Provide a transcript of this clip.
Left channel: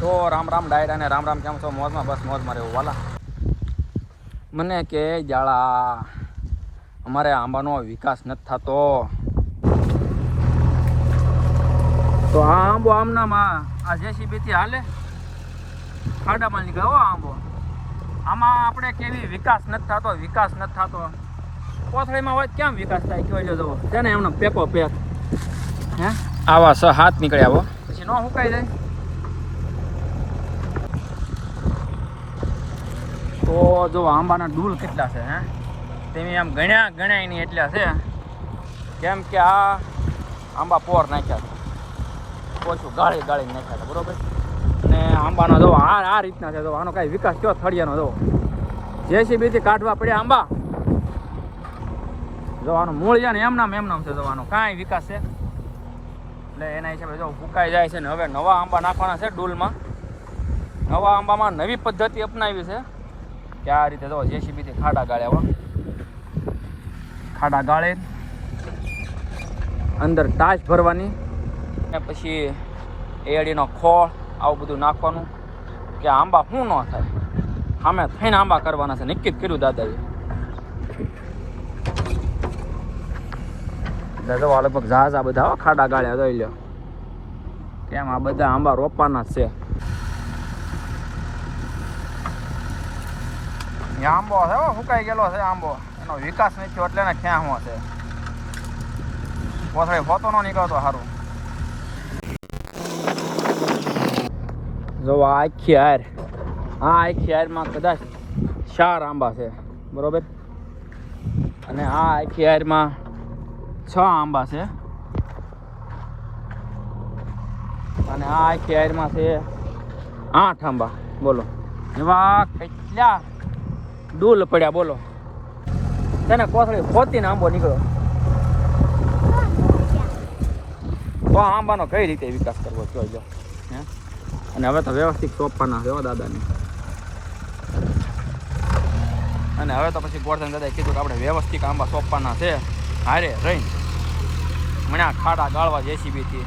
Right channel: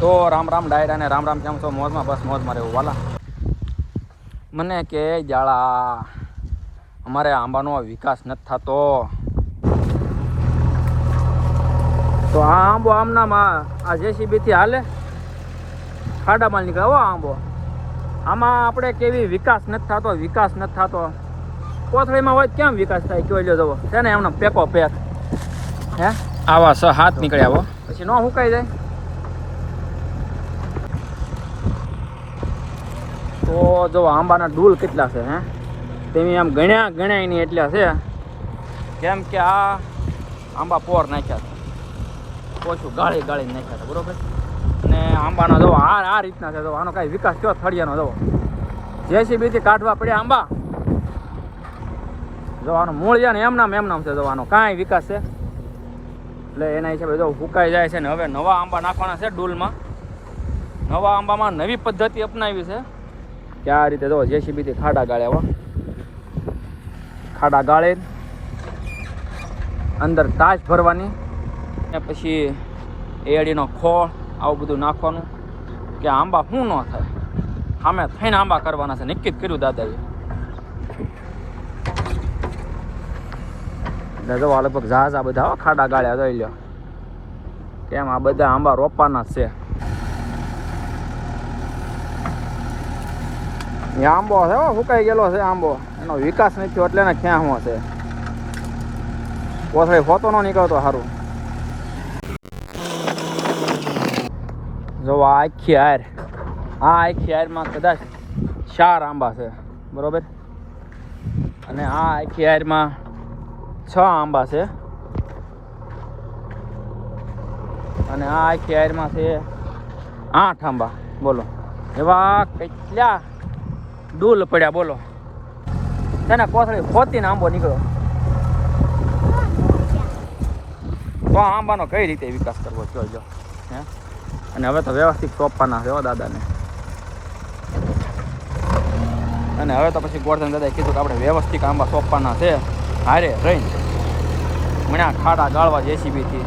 તો રામ રામ ડાયરા ને રામ રામ, કેમ છો? મોજમાં? બસ મોજમાં રહેવું વાલા. મને કે જાળા અમારે આંબાનો વિકાસ નથી થતો, તો આ આંબો આમનામાં આ JCB થી હાલે ખાડામાં નીકળે હો આંબો. આમાં આપણે કેવી વિકાસ નથી થતો, વિકાસ નથી થતો. કોથળીમાં હોય કેમ વિકાસ થાય? જોઈ લો છે ને એમને પેકો પેક હે આવા 6-7 નીકળ્યા હો, પછી ન સુકાઈ જાય. તો જો આંબાના ડૂલ કેટલા છે હે, તેની આમ ગણ્યા એની એટલા છે, કેમ કે આ આંબા પોર નાખ્યા હતા, ઓછું ગાળી નાખ્યા હતા, બરોબર. અને આંબાનો જો આ રીતના છે, જો આનો કાંઈ વિકાસ કયો ફળિયાનો જો JCB થી કાઢવા પડ્યા આંબા. જો આનો મૂળિયા ને એમનામ છે, જો આનો કાંઈ વિકાસ છે. એટલે એના હિસાબે જો ફૂકાઈ જાય છે ને હવે નવા આંબા નાખવાના છે ડૂલમાં. નવા આંબામાં નવી પદ્ધતિ અપનાવી છે કે આ રીતે જો JCB થી ખાડા ગાળ્યા હો, ખાડા ગાળે અંદર તાશ ભરવાની, પછી એડીનો ખોળ આવું બધું નાખવાનું કે આંબા શું ન થાય, સામે થઈને આંબા કરવાના છે, નક્કી જ કર્યું દાદાએ. દાદા લગભગ ઝાઝા બધા હો ખાડા ગાળ્યા જોઈ લ્યો, કેમ આ બધા આંબા રોપવાના છે. આંબો છે સુકાઈ ગયેલો છે આંબો, એનો વિકાસ નથી થયો એટલે ક્યાં શું છે, કોથળી ફોટો નો નીકળતો સારું. જો આ આખી હારમાં કદાચ 4 આંબા છે, બરોબર. અને આ આખી હારમાં 6 આંબા છે, અને આ આખી હારમાં છે 8 આંબા. બોલો એવા કેટલા ડૂલ પડ્યા, બોલો. એને કોથળી ખોતીને આંબો નીકળ્યો. તો આંબાનો કઈ રીતે વિકાસ કરવો જોઈજો હે. અને હવે તો વ્યવસ્થિત સોંપવાના છે દાદાને. અને હવે તો પછી ગોરધન દાદાએ કીધું કે આપણે વ્યવસ્થિત આંબા સોંપવાના છે, હારે રહીને મને ખાડા ગાળવા JCB થી.